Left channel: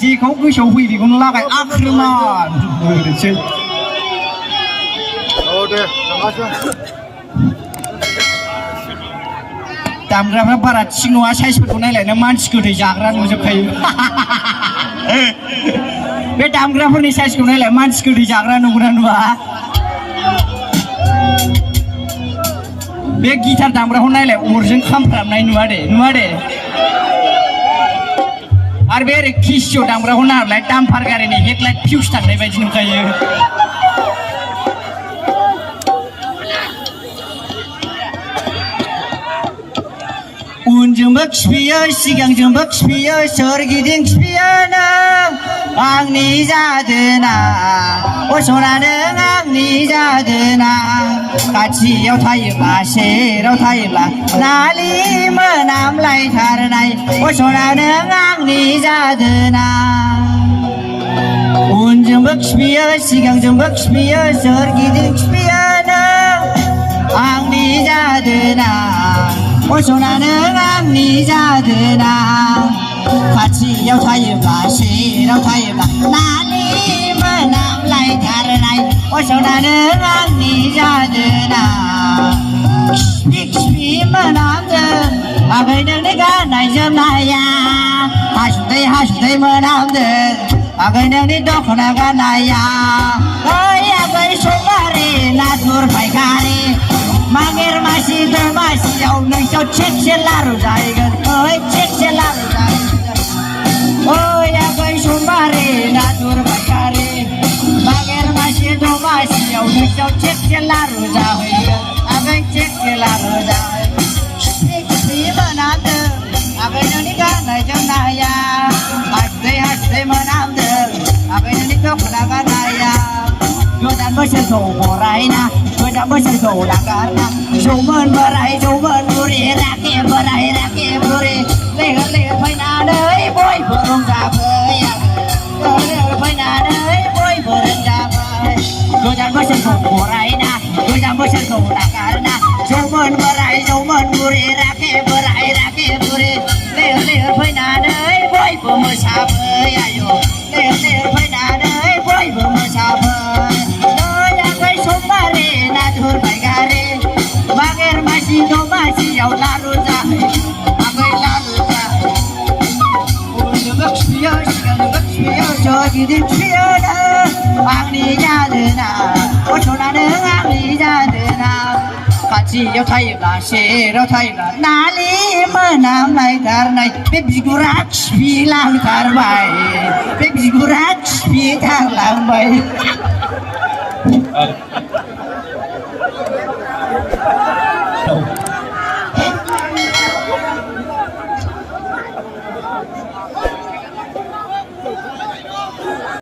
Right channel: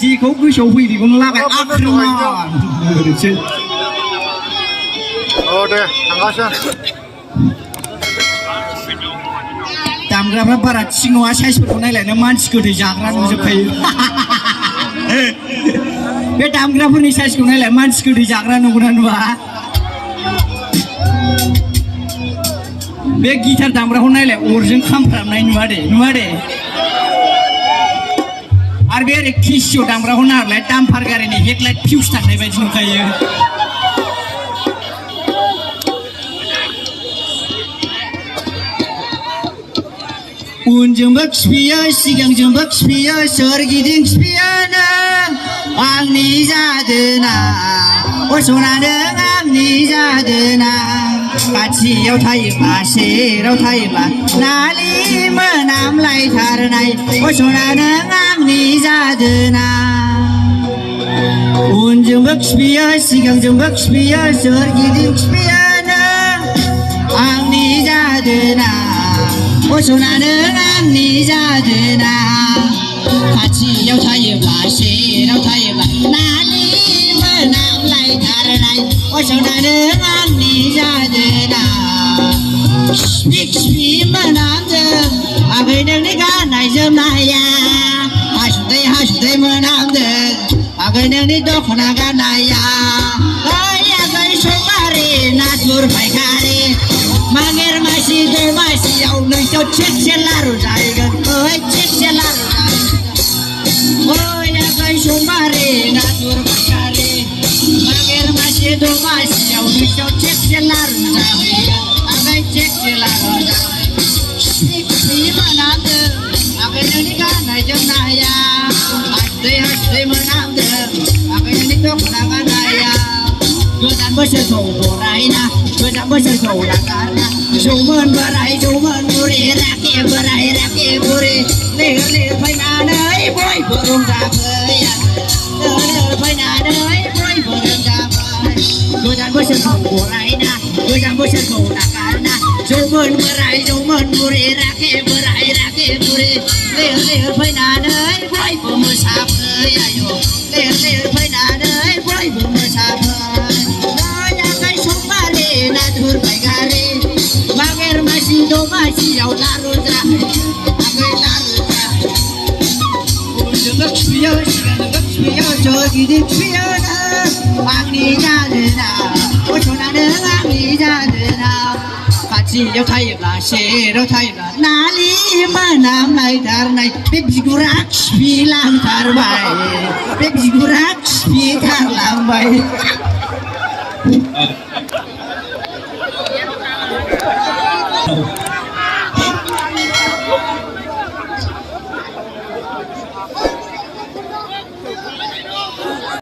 जेखौ गोसोआव फैयो बेखौनो लागाय आख्रिमान औ दे थांगासिनो दामग्राफ्रा बारा थिग नङा साइजफोरखौ नायलायनो मानसि गोथै जाग्रा नुजोबखायो बे दामग्राफोरनि साइजखौ नायलाय मानसि गोथै जाग्रा नुगौना नुवा बे गिटार दामग्राखौ नायलाय अरजों खामफ्रामनाय नुवा दे आरो बे ओरै किसिअ दामग्राखौ नायलाय दाम्पार गारिनि हेडलाइट फिउस थांनाय बायदि नुखायो उनजोंबो खिफियो सिगांजोंबो खिफियो सोरगिदिं खिफियो नों आंनि जादोना सना नों आंनि जादोना खाथियाव थायोब्ला सेराव थायोब्ला नालि मोनामलायथारनाय सना नों आंनि जादोना उनजोंबो खिफियो सिगांजोंबो खिफियो सोरगिदिं खिफियो नों आंनि जादोना सना नों आंनि जादोना खाथियाव थायोब्ला सेराव थायोब्ला नालि मोनामलायथारनाय सना नों आंनि जादोना खिफि खिफि मोनामदों आगै नोंनि गाननाय जोमनाया हासुदै हासुदै मोनामदों आगै नोंनि दख'ना गाननाया आगै सगारि नाथुर फायखारि मागेर मासि दमासियाव नोंसोर थिगसे लारु जाहैगोन थिगसे लारु जाहैगोन आगै समबारे नाथुर फायखारि मागेर मासि दमासियाव नोंसोर थिगसे लारु जाहैगोन आगै थिगसे लारु जाहैगोन खिफि मोनामदों आगै नोंनि गाननाय जोमनाया हासुदै हासुदै मोनामदों आगै नोंनि दख'ना गाननाया गोदान बोसोरखौ बरायना गोजाम बोसोरखौ नागारना जौमोन बोराय जौमोन बुरि राखे बोराय राखे बुरि लैहोर लैहोर फैनानै बयबो रंजाफै लैहोर फैनानै बयबो रंजाफै गोदान बोसोरखौ बरायना गोजाम बोसोरखौ नागारना जौमोन बोराय जौमोन बुरि राखे बोराय राखे बुरि लैहोर लैहोर फैनानै बयबो मोसाफै आयौ लैहोर लैहोर फैनानै बयबो मोसाफै नाथुर फायखारि मागेर मासि दमासियाव लारु जाहै आगै लारु जाहै उनजोंबो खिफियो सिगांजोंबो खिफियो सोरगिदिं खिफियो आंनि जादोना सना नों आंनि जादोना खाथियाव थायोब्ला सेराव थायोब्ला नालि मोनामलायथारनाय बे बिगुरा खिफिलांथारबाय बे बिगुरा खिफिथारलांबाय Oh.